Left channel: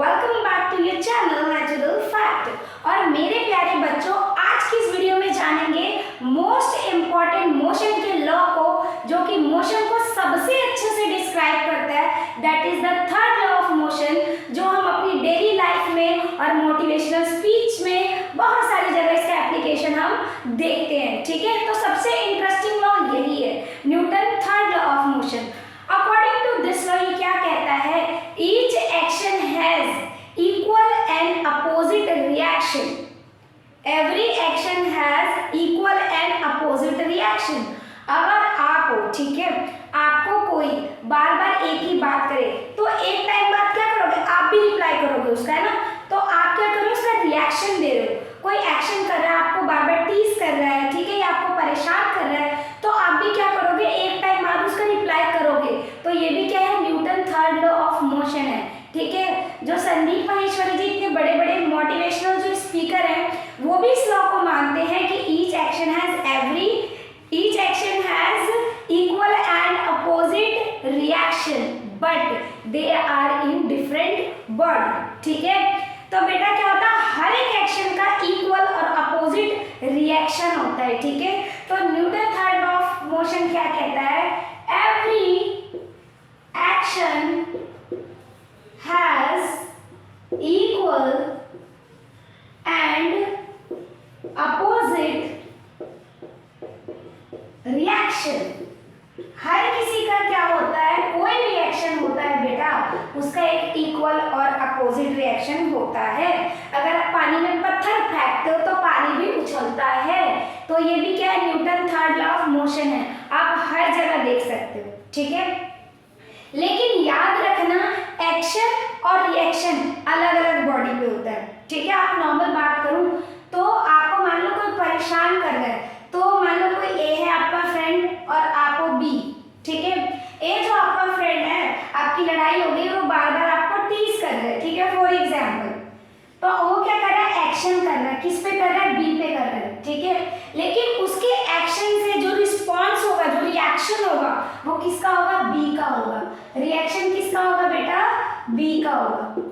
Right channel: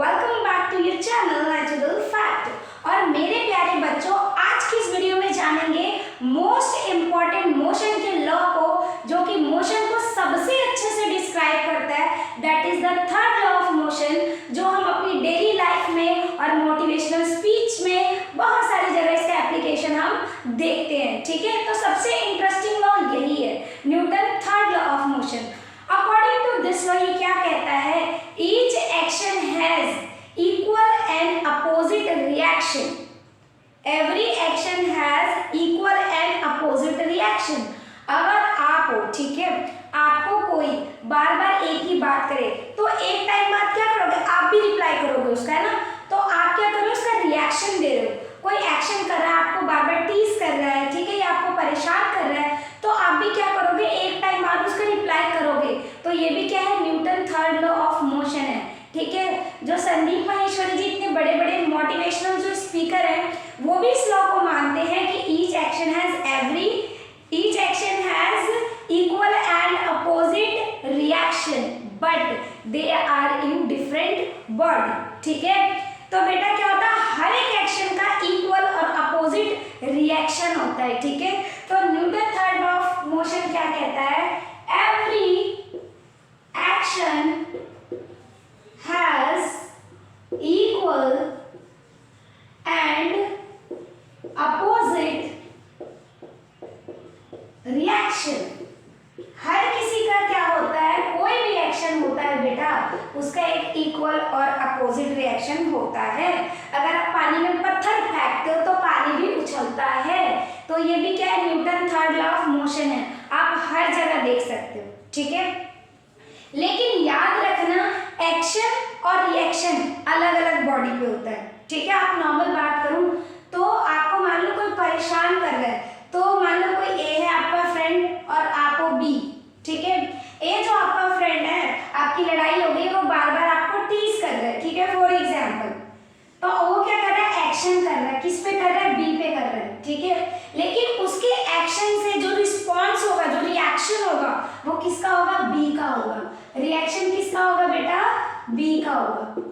Welcome back to your channel natural fact. और मेरे प्यारे बच्चों, आज की इस वीडियो में जानेंगे मोस्ट इम्पॉर्टेंट मोशन के लॉ को, जो कि मोशन को सबसे अच्छे से डिस्क्राइब करता है। That is the third law of motion, जो हम अपनी डेली लाइफ में और मोटिवेशनल स्पीच में बहुत सारी जगह इसका एप्लीकेशन हम देखते हैं। ठीक है, तो सबसे इंटरेस्टिंग लॉ यही है, Newton third law of motion. According to this law ये क्या कहता है, each action has equal and opposite reaction. Every action has equal and opposite reaction. अगर आप हो, ठीक है, आपको कोई बार बार एक ही बात करे तो एक टाइम बाद क्या करोगे, आप भी रिप्लाई करोगे उसका, है ना। तो आप क्या करो, उसका रिएक्शन दे रहे हो। कोई एक्शन कर रहा है, आपको बार बार टीज कर रहा है, ठीक है, या आपको परेशान कर रहा है, तो आप भी क्या करोगे, एक टाइम बाद उसका रिप्लाई करोगे। तो ये भी क्या है, Newton third law of motion है। ठीक है, जो संदीप माहेश्वरी जी इतने बड़े बड़े मोटिवेशनल जो स्पीकर हैं, वो भी इस लॉ को मानते हैं कि each action has equal and opposite reaction but they are in different body. ठीक है, तो बेटा क्या होता है, हर एक एक्शन का इक्वल और अपोजिट रिएक्शन होता है। ठीक है, तो Newton third law of motion क्या कहता है, every action has equal and opposite reaction. हर किसी का क्या होता है, कोई भी एक्शन होता है बेटा, उसका एक इक्वल और अपोजिट रिएक्शन होता है। अगर आप पानी में पत्थर फेंकते हो तो पानी भी उछलता है। तो ये भी क्या है, Newton third law of motion है, आप हर जगह देख सकते हो। ठीक है, लेकिन याद रखना, एक्शन और रिएक्शन अलग अलग बॉडी पे होता है। ठीक है, आप नॉर्मल बात करूं तो आपको मान लो कोई परेशान कर रहा है, तो मान लो कोई ए है आपका फ्रेंड और आप हो बी। ठीक है, ए जो आपका फ्रेंड है, आपकी लड़ाई हो गई, वो बार बार आपको टीज कर रहा है। ठीक है, फॉर एग्जाम्पल, तो वो क्या कर रहा है, एक्शन कर रहा है, किस पे कर रहा है, बी पे कर रहा है। ठीक है, लेकिन उसके एक्शन से जो रिस्पॉन्स होगा, जो रिएक्शन होगा, वो किसका होगा, बी का होगा। रिएक्शन किसका होगा बेटा, बी का होगा।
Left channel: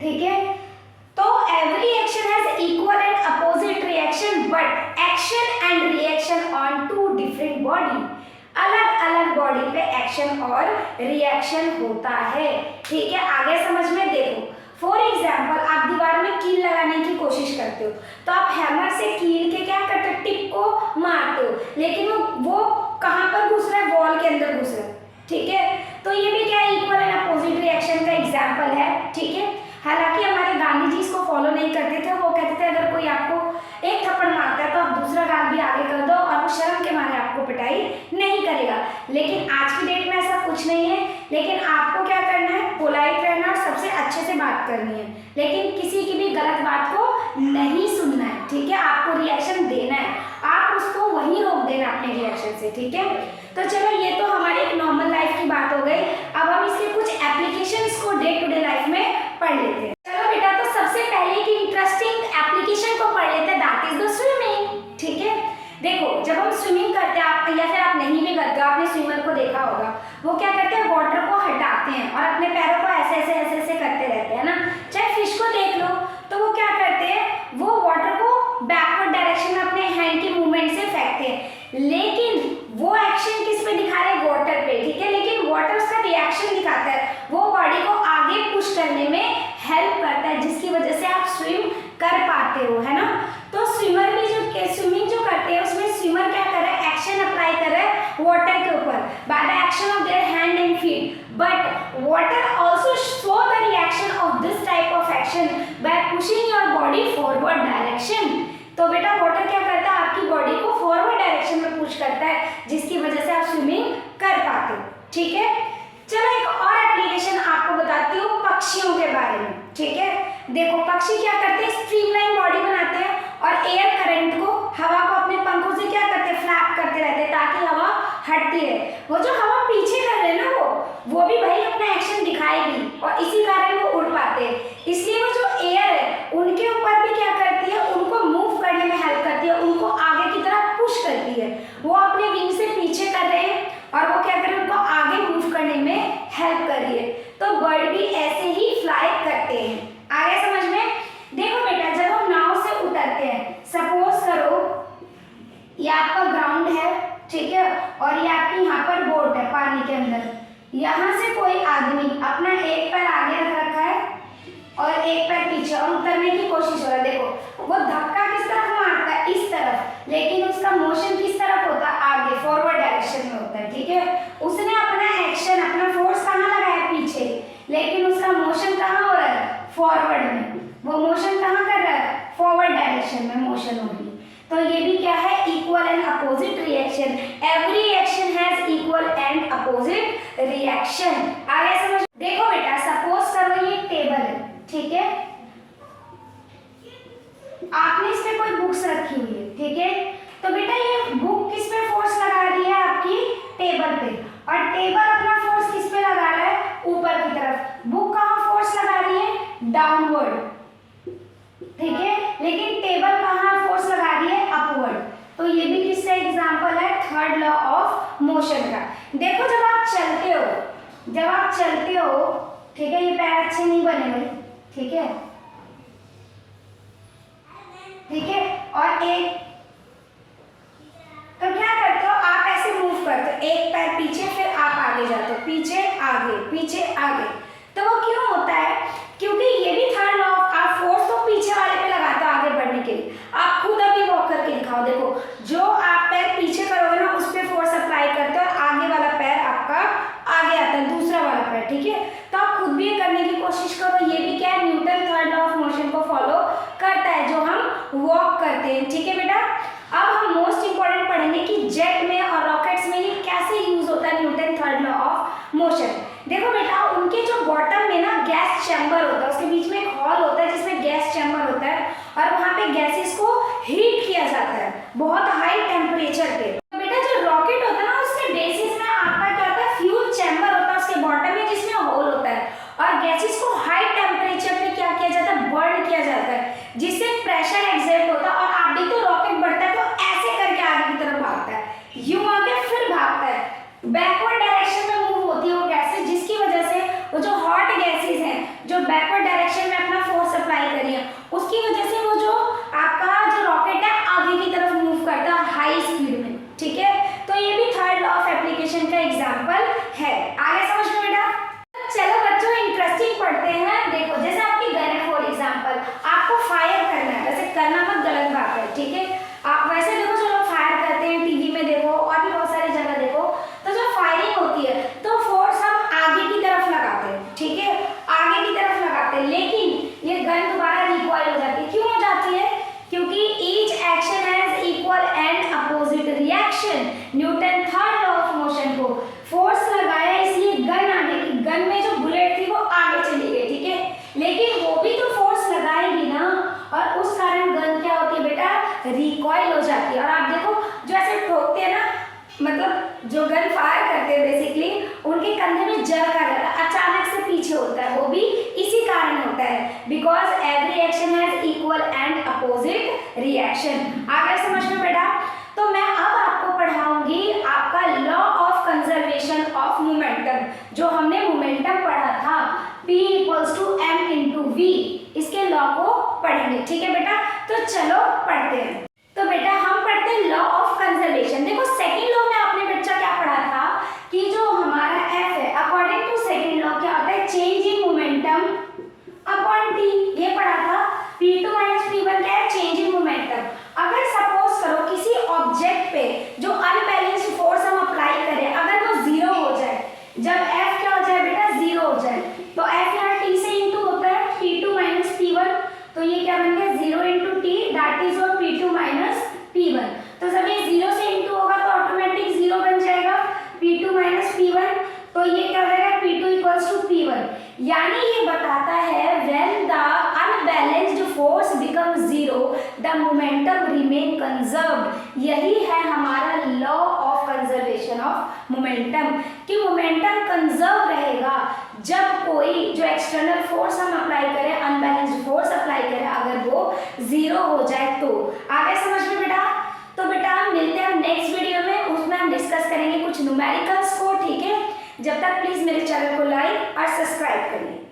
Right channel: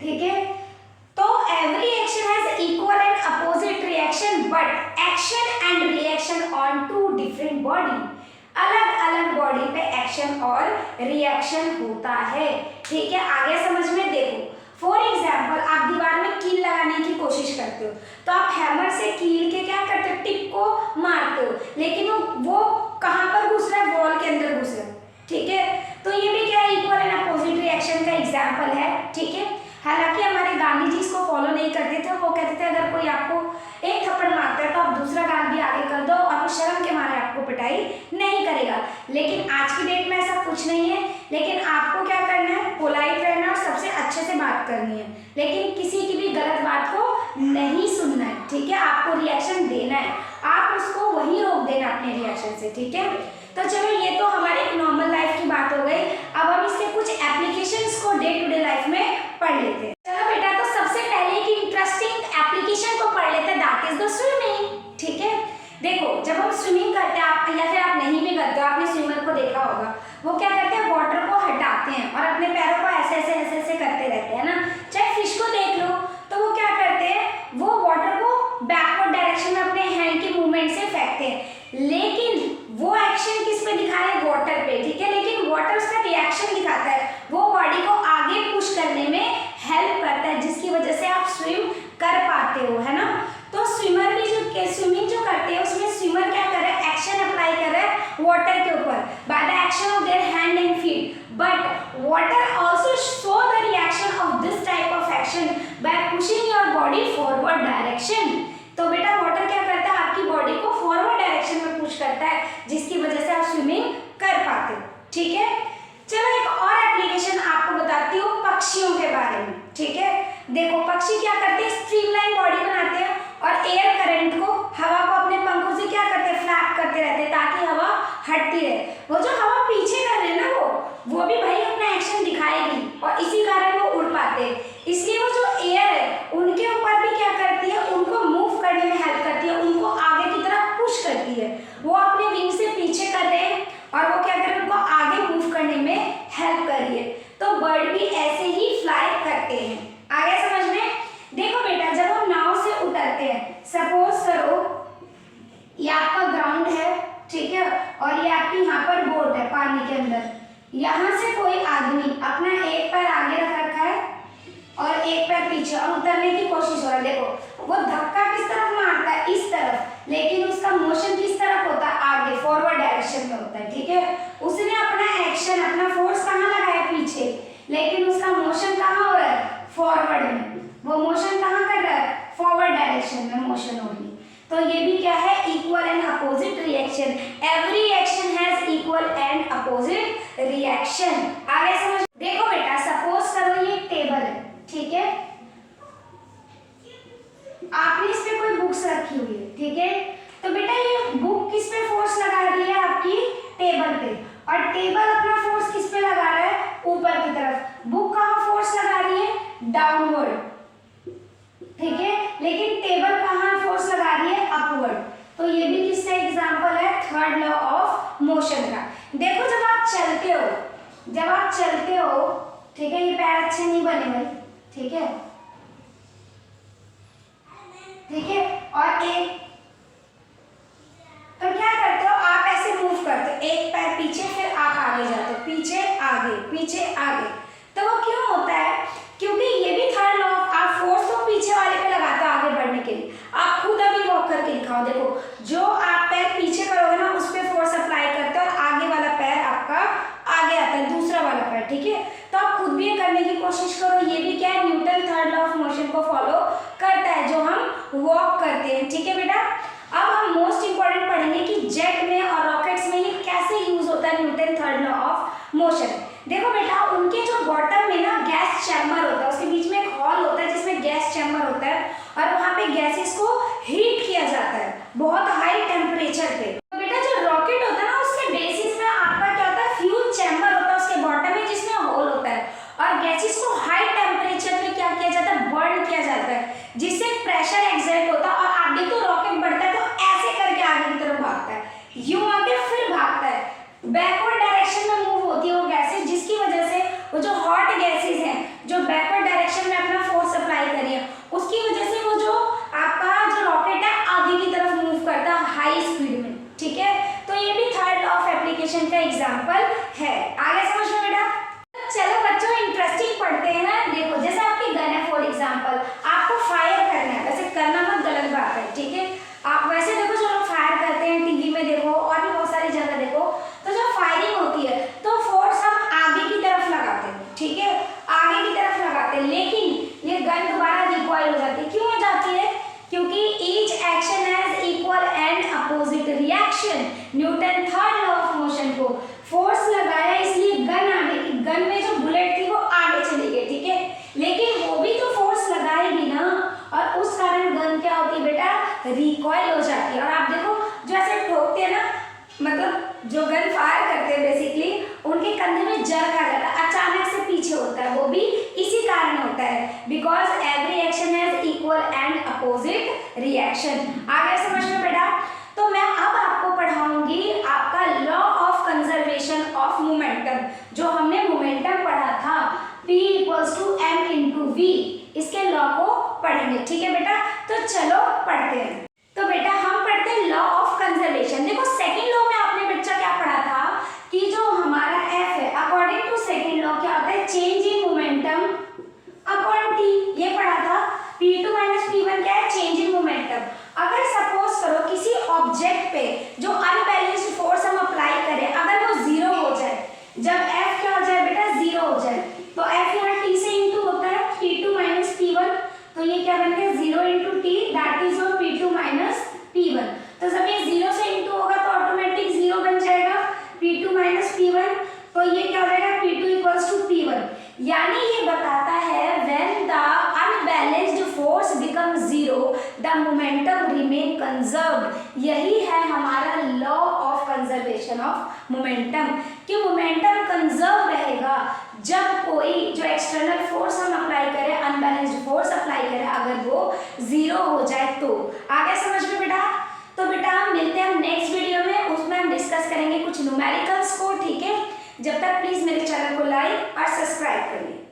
ठीक है, तो every action has equal and opposite reaction but action and reaction on two different body. अलग अलग बॉडी पे एक्शन और रिएक्शन होता है। ठीक है, आगे समझ में देखो। फॉर एग्जाम्पल, आप दीवार में कील लगाने की कोशिश करते हो, तो आप हैमर से कील के क्या करते हो, टिप को मारते हो, लेकिन वो कहाँ पर घुस रहा है, वॉल के अंदर घुस रहा है। ठीक है, तो ये भी क्या है, इक्वल एंड अपोजिट रिएक्शन का एग्जाम्पल है। ठीक है, हालांकि हमारे गांधी जी इसको फॉलो नहीं करते थे। वो कहते थे अगर कोई आपको एक थप्पड़ मारता है तो आप दूसरा गाल भी आगे कर दो और वो शर्म के मारे आपको पिटाई नहीं करेगा। लेकिन आज की डेट में ऐसा कुछ नहीं है। लेकिन आपको क्या करना है, पोलाइट रहना और सबसे अच्छे से बात करनी है, लेकिन किसी की भी गलत बात को नहीं सुनना है। ठीक है, आपको रिएक्शन देना है, आप उसको वहीं रोक देना अपने रिएक्शन से। ठीक है, तो चलो, ये तो हमारी एक नॉर्मल लाइफ की बात हो गई। अब हम इसके कुछ एप्लीकेशंस को डे टू डे लाइफ में पढ़ लेते हैं। चलो बेटा, तो सबसे पहले एक इंटरेस्टिंग एप्लीकेशन को पढ़ लेते हैं, दैट इज द स्विमिंग। ठीक है, देखो, जब हम स्विमिंग करते हैं, आप या फिर आप नहीं भी करते हो, आपने स्विमर को देखा होगा, वो क्या करते हैं, वाटर को हटाते हैं और अपने पैरों को ऐसे ऐसे ऐसे ऐसे करते रहते हैं ना। चाहे फिश को देख लो, तो वो क्या करते हैं, वो वाटर को बैकवर्ड डायरेक्शन में अपने हैंड के मूवमेंट से फेंकते हैं, लेकिन वो एक्शन किस पे दिखा रहे हैं, वाटर पे। ठीक है, लेकिन वाटर उसका रिएक्शन दिखाता है, वो बॉडी को आगे पुश करने में हेल्प करता है, जिसकी वजह से आप स्विम कर पाते हो, है ना। तो स्विमर भी जो स्विमिंग जो करते हैं, उसमें स्विमर क्या कर रहा है, एक्शन अप्लाई कर रहा है वाटर के ऊपर by the action of their hand and feet, but water also show the reaction of this type of action by pushing your body forward direction. तो बेटा, वाटर क्या करता है, आपकी बॉडी को फॉरवर्ड डायरेक्शन में पुश करता है, जिसकी वजह से आप स्विमिंग कर पाते हो। ठीक है, चलो एक और एप्लीकेशन आपको बताती हूँ पक्षियों के बारे में। ठीक है, देखो, पक्षी क्या करते हैं, स्ट्रीमलाइन बॉडी बनाते हैं और एयर करंट को, हवा को अपने पंखों से क्या करते हैं, फ्लैप करते रहते हैं ताकि हवा हटती रहे। वो जो हवा पीछे कर रहे हैं ना, वो भी भाई अपना एक्शन दिखाएगी और इसी कारण वो उड़ पाते हैं। इसलिए वो जो एयर है, उनके ऊपर भी क्या करती है, उनको मूव करने में हेल्प करती है, उनको आगे की तरफ पुश करती है। वो अपने विंग से पीछे कर रहे हैं और वो क्या कर रहे हैं, उनको आगे मूव करने में हेल्प कर रही है। तो बर्ड भी ऐसे ही फ्लाई करते हैं। आगे समझ में? देखो बेटा, जब हम नाव से उतरते हैं, सपोज करो ये आपका ग्राउंड है, ठीक है, और ये आपकी यहाँ पर बोट है पानी के अंदर। यहाँ से कोई आदमी अपना एक पैर आगे रख रखा है और एक पैर पीछे और उतरने की कोशिश हो रहा है। देखो वो धक्का किस तरफ मारता है, इस तरफ, लेकिन उसका मोशन किस तरफ होता है, आगे फॉरवर्ड डायरेक्शन में होता है, ठीक है। उसने अपना एक्शन, अपना फोर्स कहाँ लगाया, पीछे, लेकिन उसका मोशन कहाँ हो रहा है, फॉरवर्ड में। वो मोशन कहाँ कर रहा है, फॉरवर्ड डायरेक्शन में मोशन होगी। तो ये भी क्या है, equal and opposite reaction. Every action has equal and opposite reaction. आगे समझ। देखो बेटा, सपोज करो ये टेबल है, ठीक है, आपने इस पे कोई बुक्स रखी हुई है, ठीक है। तो बेटा ये बुक किस पे फोर्स लगा रही है, आपकी टेबल पे, और टेबल अपना फोर्स किस पे लगा रहा है, ऊपर की तरफ। बुक कहाँ फोर्स लगा रही है, डाउनवर्ड, ठीक है, लेकिन टेबल कहाँ फोर्स लगा रही है, अपवर्ड। तो ये भी किसका एग्जांपल है, थर्ड लॉ ऑफ मोशन का। देखो जब आप चलते हो, ठीक है, ये पैर अच्छे नहीं बने भाई, ठीक है, और एक, तो क्या करते हो आप, ऐसे मूव करते हो, एक पैर पीछे, फिर आप आगे जाते हो, पीछे आगे, पीछे आगे। तो वो क्यों होता है, क्योंकि ये भी थर्ड लॉ ऑफ, आप फोर्स तो पीछे वाले पे लगाते हो आगे बढ़ने के लिए। आप खुद अभी वॉक करके दिखाओ, देखो जो आप पैर पीछे करोगे ना, उस पे फोर्स अप्लाई करते हो और आगे वाला पैर आपका आगे आता है, दूसरा वाला पैर, ठीक है। तो आप खुद भी करने की कोशिश करो। ये भी क्या है, Newton third law of motion को फॉलो करता है, जो हम वॉक करते हैं, ठीक है बेटा। अब हम मोस्ट इंपॉर्टेंट पढ़ेंगे कि जेट में और रॉकेट्स में ये कैसे यूज होता है, Newton third law of motion. देखो बेटा, उनके जो बॉटम में ना गैस चैम्बर होता है, उसके बीच में एक हॉल होता है जिसमें गैस चैम्बर होता है, और वहाँ पे गैसेस को हीट किया जाता है बहुत हाई टेम्परेचर पे। तो बेटा जो रॉकेट होता है ना, उसके बेसिस में आपका क्या होता है, फ्यूल चैम्बर होता है उसके बॉटम में, जिसमें होल होता है, और गैसेस को हाई टेम्परेचर पे क्या किया जाता है, बर्न किया जाता है, जिससे प्रेशर एक्सर्ट होता है। और आप देखो रॉकेट बढ़ता है तो ऐसे करके आगे की तरफ भागता है, यूं आगे फिर भागता है, बैकवर्ड डायरेक्शन में मूव होती है वो गैसेस, जिसकी वजह से वो जो हॉट गैसेस हैं, जो बैकवर्ड डायरेक्शन में अपना फोर्स अप्लाई करी है, उसकी वजह से वो जो आपका जो रॉकेट है आगे की तरफ मूव करता है हाई स्पीड में, ठीक है। तो ये भी थर्ड लॉ ऑफ एप्लीकेशन का एग्जांपल है। आगे समझ में बेटा? चलो बच्चों इंटरेस्टिंग पढ़ते हैं। देखो जैसे आपकी गन है, फॉर एग्जांपल आपको फायर करना है, वैसे करना मत गलत बात है, ठीक है। आप वैसे देखो जो लोग फायर करते हैं, टीवी में देखो और भी बहुत सारी जगह देखो, तो जब फायरिंग होती है तो फोर्स हम आगे की तरफ लगाते हैं, ठीक है, आगे की तरफ लगाते हैं, लेकिन ये गन दोबारा रिकॉइल हो जाती है। क्यों हो जाती है? क्योंकि each action has equal and opposite reaction. Newton third law of motion को फोर्स लगाया, इसलिए गन आगे की, गन में जो बुलेट थी वो आगे चली गई, ठीक है, लेकिन वो भी तो फोर्स लगाएगी ना, और उस कारण गन क्या होती है बेटा, रिकॉइल हो जाती है। और आप देखो जो ऐसे ठोकते हैं ना, मतलब जो गन फायर करते हैं बेसिकली, उनके कंधे में जर्क आ जाता है, अचानक से पीछे होता है, वो भी इसी कारण होता है, because every action has equal and opposite reaction. आगे समझ में बेटा? तो मैं अब आपको पढ़ाऊंगी आपका law of conservation of momentum, जो हमने मोमेंटम पढ़ा था, P = m × v, इसके लॉ को पढ़ेंगे, ठीक है बेटा। तो चलो पढ़ते हैं। तो बेटा हम पढ़ते हैं लॉ ऑफ कंजर्वेशन। देखो सेकंड लॉ में आपने बच्चा क्या पढ़ा था कि जो हमारा F है, अकॉर्डिंग टू सेकंड लॉ क्या होता है, change in momentum upon t, ये पढ़ा था। P2 - P1 क्या है, चेंज इन मोमेंटम। अगर सपोज करो किसी ऑब्जेक्ट पे जो अनबैलेंस्ड फोर्स हम अप्लाई करें, अगर वो जीरो हो जाए, जब F क्या हो जाए बेटा, जीरो हो जाए, तो F यहाँ t से इंटू होता है, P2 - P1, तो ये क्या बन गया 0 × t, that is your P2 - P1। तो जब ये 0 से इंटू होगा तो ऑटोमेटिक 0 बन जाएगा, P2 - P1, तो ये क्या हो जाएगा, P2 = P1। यानी ये बताता है when the unbalanced force becomes zero, the momentum remain conserved। यही है हमारा law of conservation of momentum, कि मोमेंटम कंजर्व रहेगा जब कोई जो एक्सटर्नल फोर्स हम अप्लाई करें, अनबैलेंस्ड फोर्स अप्लाई करें, अगर वो जीरो हो जाए तो। आगे समझ में बेटा? तो बेटा हम मिलते हैं नेक्स्ट वीडियो में, उसमें हम डिस्कस करेंगे कुछ न्यूमेरिकल्स को, ठीक है। जब तक प्लीज मेरे चैनल को लाइक और सब्सक्राइब करिए।